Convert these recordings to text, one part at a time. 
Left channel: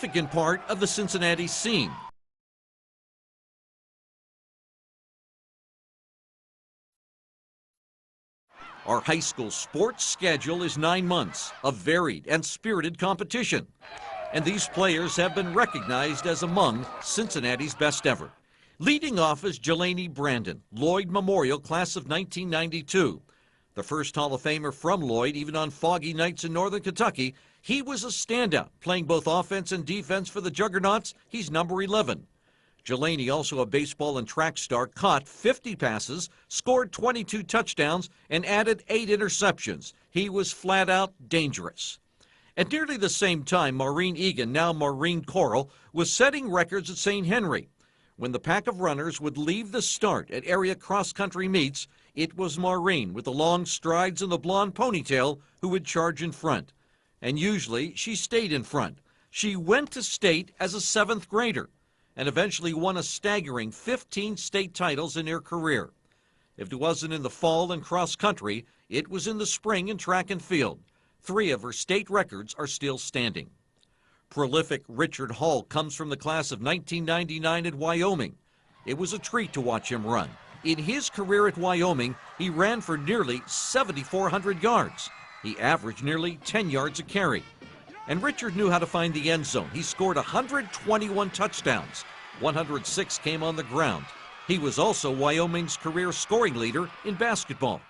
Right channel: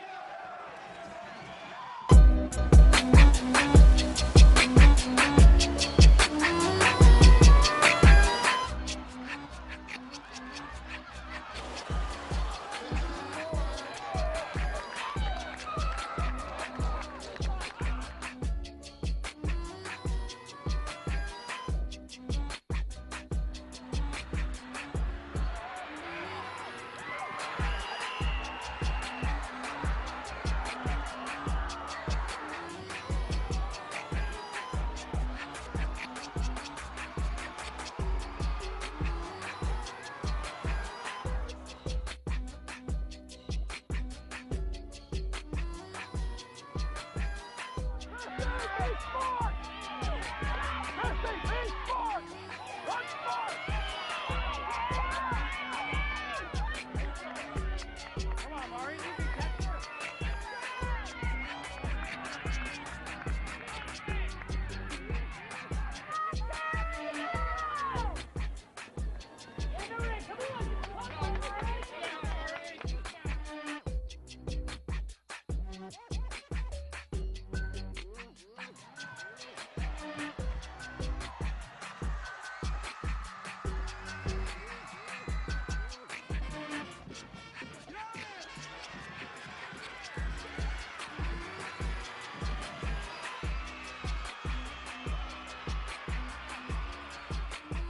significant part of the Cincinnati scene. Our high school sports schedule is 9 months of varied and spirited competition, and these players have been recognized as among Cincinnati's best ever. Leading off is Jelani Brandon, Lloyd Memorial class of 1992. The first Hall of Famer from Lloyd, even on foggy nights in northern Kentucky. He was a standout, playing both offense and defense for the Juggernauts. He's number 11. Jelani, also a baseball and track star, caught 50 passes, scored 22 touchdowns, and added 8 interceptions. He was flat out dangerous. At nearly the same time, Maureen Egan, now Maureen Coral, was setting records at St. Henry. When the pack of runners would leave the start at area cross-country meets, it was Maureen with the long strides and the blonde ponytail who would charge in front. And usually she stayed in front. She went to state as a 7th grader and eventually won a staggering 15 state titles in her career. If it wasn't in the fall and cross-country, it was in the spring in track and field. 3 of her state records are still standing. Prolific Richard Hall comes from the class of 1999 at Wyoming. It was a treat to watch him run. In his career at Wyoming, he ran for nearly 7,400 yards. He averaged nearly 10 yards a carry. And Richard knew how to find the end zone. He scored 121 touchdowns. 106 came on the ground. He was also Wyoming's career scoring leader in basketball.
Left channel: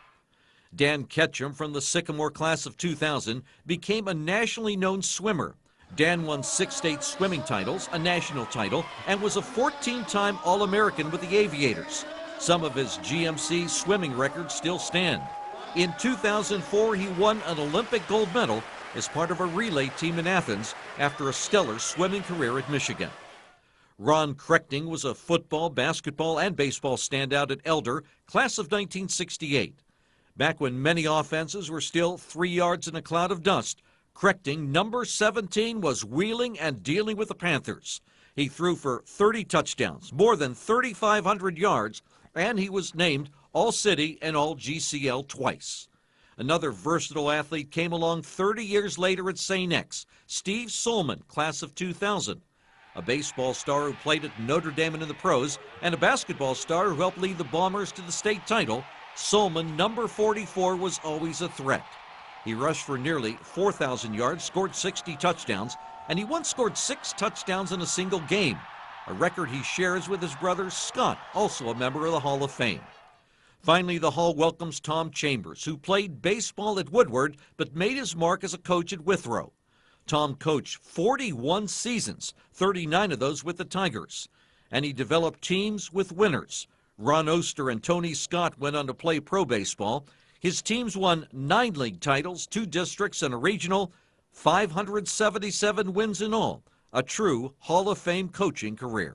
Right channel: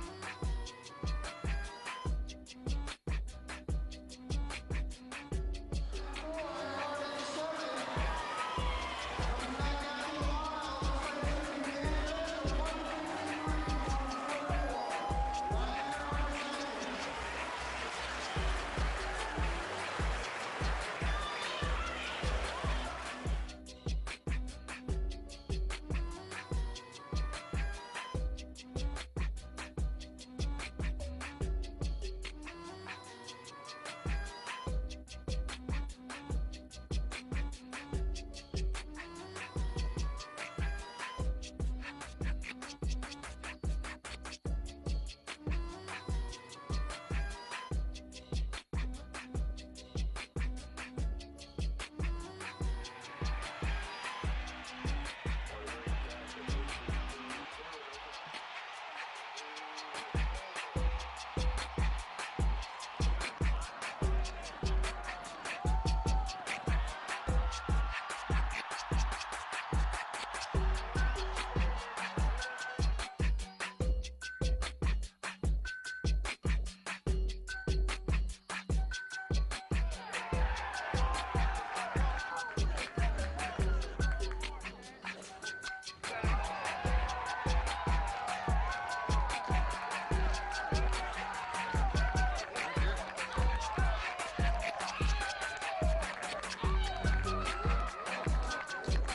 Dan Ketchum from the Sycamore class of 2000 became a nationally known swimmer. Dan won 6 state swimming titles, a national title, and was a 14-time All-American with the Aviators. Some of his GMC swimming records still stand. In 2004, he won an Olympic gold medal as part of a relay team in Athens after a stellar swimming career at Michigan. Ron Krechting was a football, basketball, and baseball standout at Elder, class of 1968. Back when many offenses were still 3 yards in a cloud of dust, Krechting, number 17, was wheeling and dealing with the Panthers. He threw for 30 touchdowns, more than 3,500 yards, and he was named All-City and All-GCL twice. Another versatile athlete came along 30 years later at St. X, Steve Solman, class of 2000. A baseball star who played at Notre Dame and in the pros, and a basketball star who helped lead the Bombers to the state title. Solman, number 44, was always a threat. He rushed for nearly 4,000 yards, scored 60 touchdowns, and he once scored 6 touchdowns in a single game, a record he shares with his brother Scott, also a member of the Hall of Fame. Finally, the Hall welcomes Tom Chambers, who played baseball at Woodward but made his mark as a coach at Withrow. Tom coached 41 seasons, 39 of those with the Tigers, and he developed teams with winners. Ron Oster and Tony Scott went on to play pro baseball. His teams won 9 league titles, 2 districts, and a regional, 577 wins in all. A true Hall of Fame coaching career.